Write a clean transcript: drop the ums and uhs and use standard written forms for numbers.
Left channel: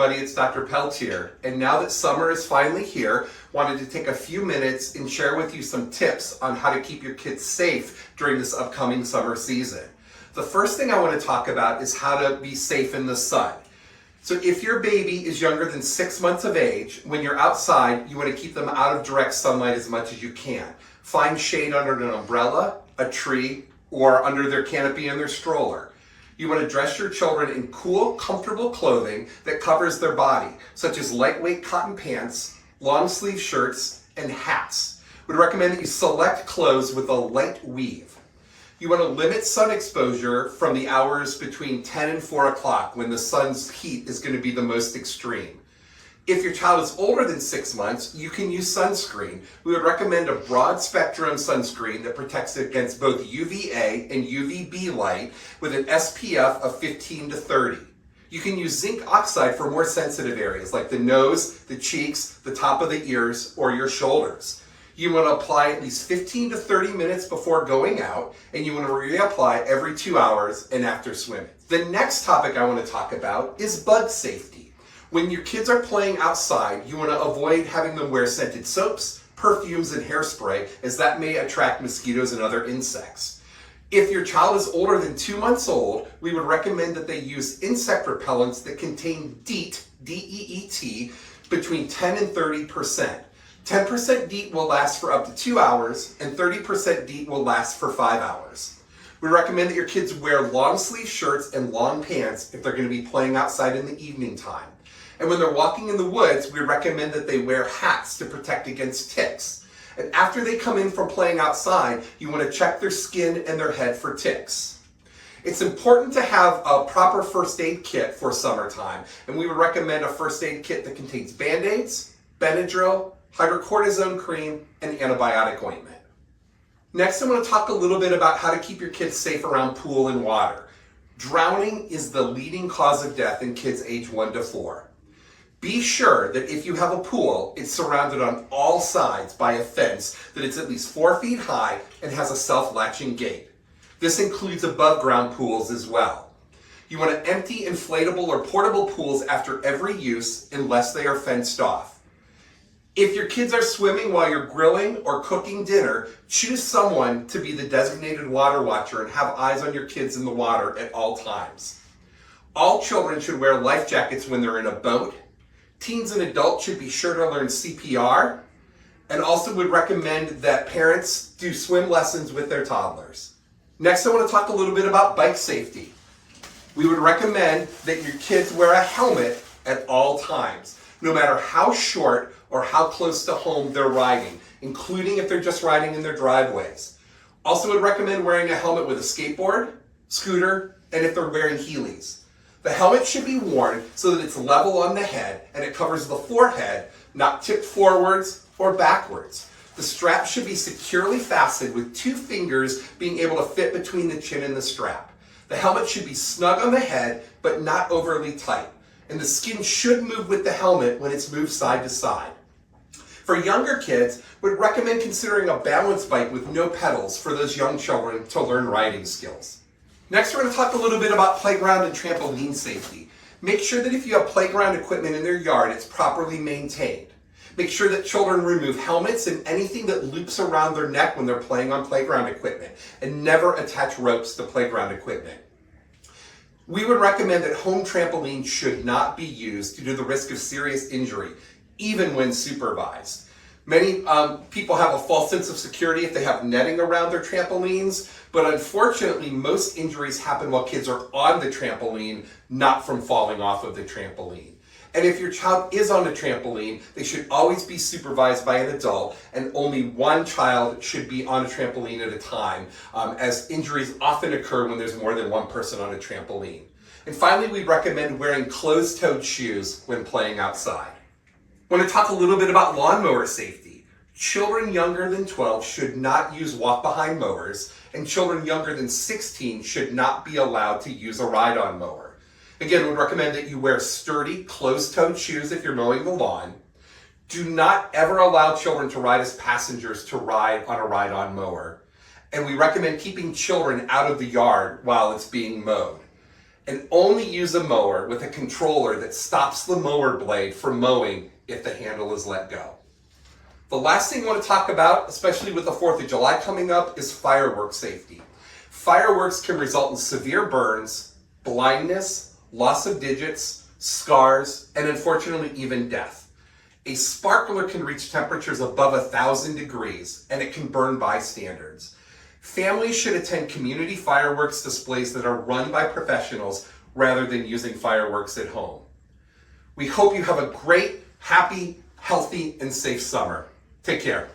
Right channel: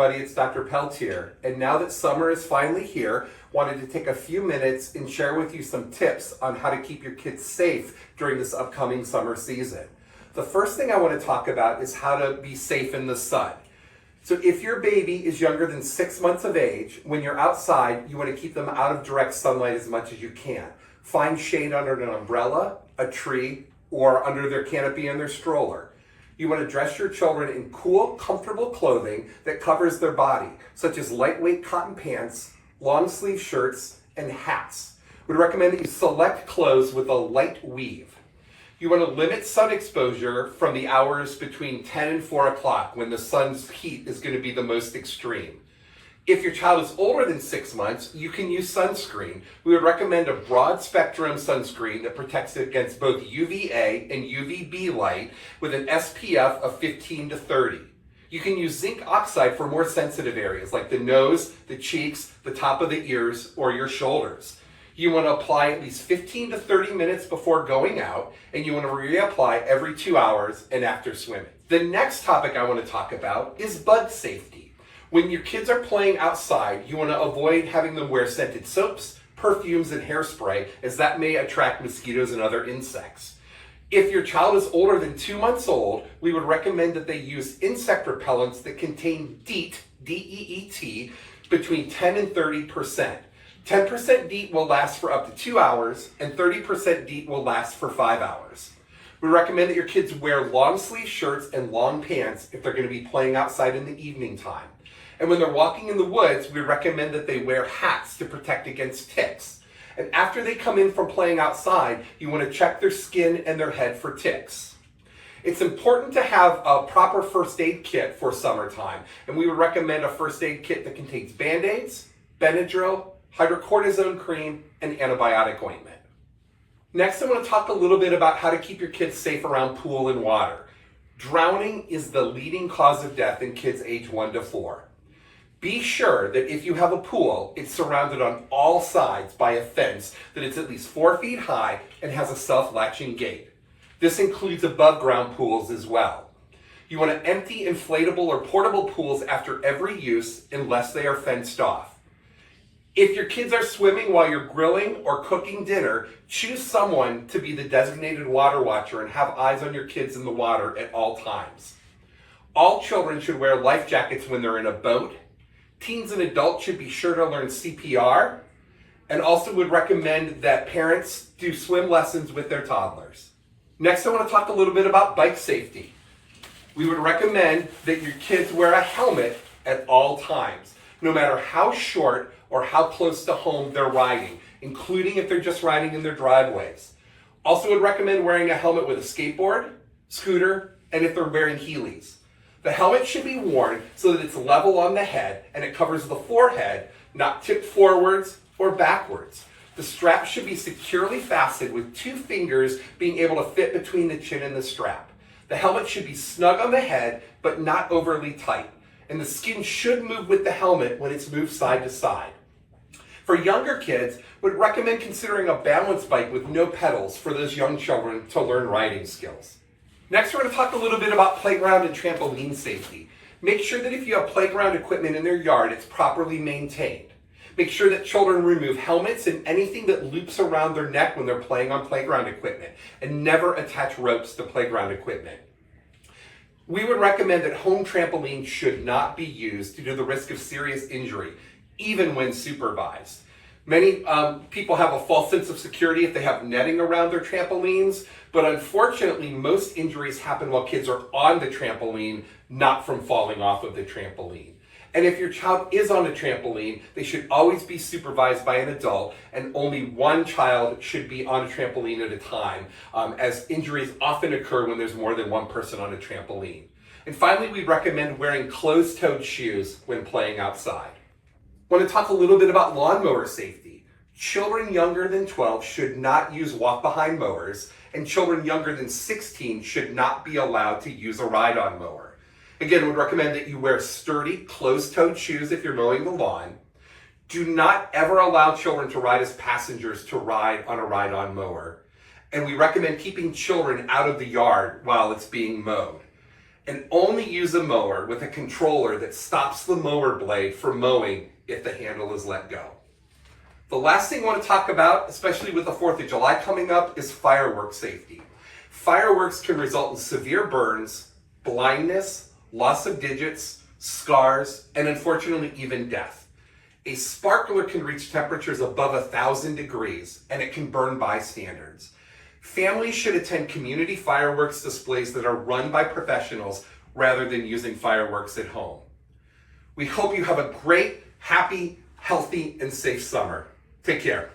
everybody, it's Dr. Peltier. And now that summer is finally here, wanted to take a few minutes and share with you some tips on how to keep your kids safe during this upcoming summer season. The first thing I want to talk about is how to be safe in the sun. So if your baby is younger than 6 months of age, when you're outside, you want to keep them out of direct sunlight as much as you can. Find shade under an umbrella, a tree, or under their canopy and their stroller. You want to dress your children in cool, comfortable clothing that covers their body, such as lightweight cotton pants, long sleeve shirts, and hats. We'd recommend that you select clothes with a light weave. You want to limit sun exposure from the hours between 10 and 4 o'clock when the sun's heat is going to be the most extreme. If your child is older than 6 months, you can use sunscreen. We would recommend a broad spectrum sunscreen that protects against both UVA and UVB light with an SPF of 15 to 30. You can use zinc oxide for more sensitive areas like the nose, the cheeks, the top of the ears, or your shoulders. You want to apply at least 15 to 30 minutes before going out, and you want to reapply every 2 hours and after swimming. The next topic I want to talk about is bug safety. When your kids are playing outside, you want to avoid having them wear scented soaps, perfumes, and hairspray, as that may attract mosquitoes and other insects. If your child is older than 2 months old, we would recommend that they use insect repellents that contain DEET, D-E-E-T, between 10 and 30%. 10% DEET will last for up to 2 hours, and 30% DEET will last for 5 hours. We recommend that your kids wear long sleeve shirts and long pants if they're going to be playing outside in the evening time. And when they're walking in the woods, we recommend that they wear hats to protect against ticks. And after they come in from playing outside, you want to check their skin and their head for ticks. It's important to have a proper first aid kit for summertime, and we would recommend a first aid kit that contains Band-Aids, Benadryl, hydrocortisone cream, and antibiotic ointment. Next, I want to talk a little bit about how to keep your kids safe around pool and water. Drowning is the leading cause of death in kids age 1 to 4. Be sure that if you have a pool, it's surrounded on all sides by a fence, that it's at least 4 feet high and has a self-latching gate. This includes above ground pools as well. You want to empty inflatable or portable pools after every use unless they are fenced off. If your kids are swimming while you're grilling or cooking dinner, choose someone to be the designated water watcher and have eyes on your kids in the water at all times. All children should wear life jackets when they're in a boat. Teens and adults should be sure to learn CPR, and also would recommend that parents do swim lessons with their toddlers. Next, I want to talk a little bit about bike safety. We would recommend that your kids wear a helmet at all times, no matter how short or how close to home they're riding, including if they're just riding in their driveways. Also would recommend wearing a helmet with a skateboard, scooter, and if they're wearing Heelys. The helmet should be worn so that it's level on the head and it covers the forehead, not tipped forwards or backwards. The strap should be securely fastened with 2 fingers being able to fit between the chin and the strap. The helmet should be snug on the head, but not overly tight. And the skin should move with the helmet when it's moved side to side. For younger kids, would recommend considering a balance bike with no pedals for those young children to learn riding skills. Next, we're going to talk a little bit about playground and trampoline safety. Make sure that if you have playground equipment in their yard, it's properly maintained. Make sure that children remove helmets and anything that loops around their neck when they're playing on playground equipment, and never attach ropes to playground equipment. We would recommend that home trampolines should not be used due to the risk of serious injury, even when supervised. Many people have a false sense of security if they have netting around their trampolines, but unfortunately, most injuries happen while kids are on the trampoline, not from falling off of the trampoline. And if your child is on a trampoline, they should always be supervised by an adult, and only one child should be on a trampoline at a time, as injuries often occur when there's more than one person on a trampoline. And finally, we recommend wearing closed-toed shoes when playing outside. I want to talk a little bit about lawnmower safety. Children younger than 12 should not use walk-behind mowers, and children younger than 16 should not be allowed to use a ride-on mower. Again, we would recommend that you wear sturdy, closed-toed shoes if you're mowing the lawn. Do not ever allow children to ride as passengers to ride on a ride-on mower. And we recommend keeping children out of the yard while it's being mowed. And only use a mower with a controller that stops the mower blade from mowing if the handle is let go. The last thing I want to talk about, especially with the 4th of July coming up, is fireworks safety. Fireworks can result in severe burns, blindness, loss of digits, scars, and unfortunately even death. A sparkler can reach temperatures above 1,000 degrees, and it can burn bystanders. Families should attend community fireworks displays that are run by professionals rather than using fireworks at home. We hope you have a great, happy, healthy, and safe summer. Take care.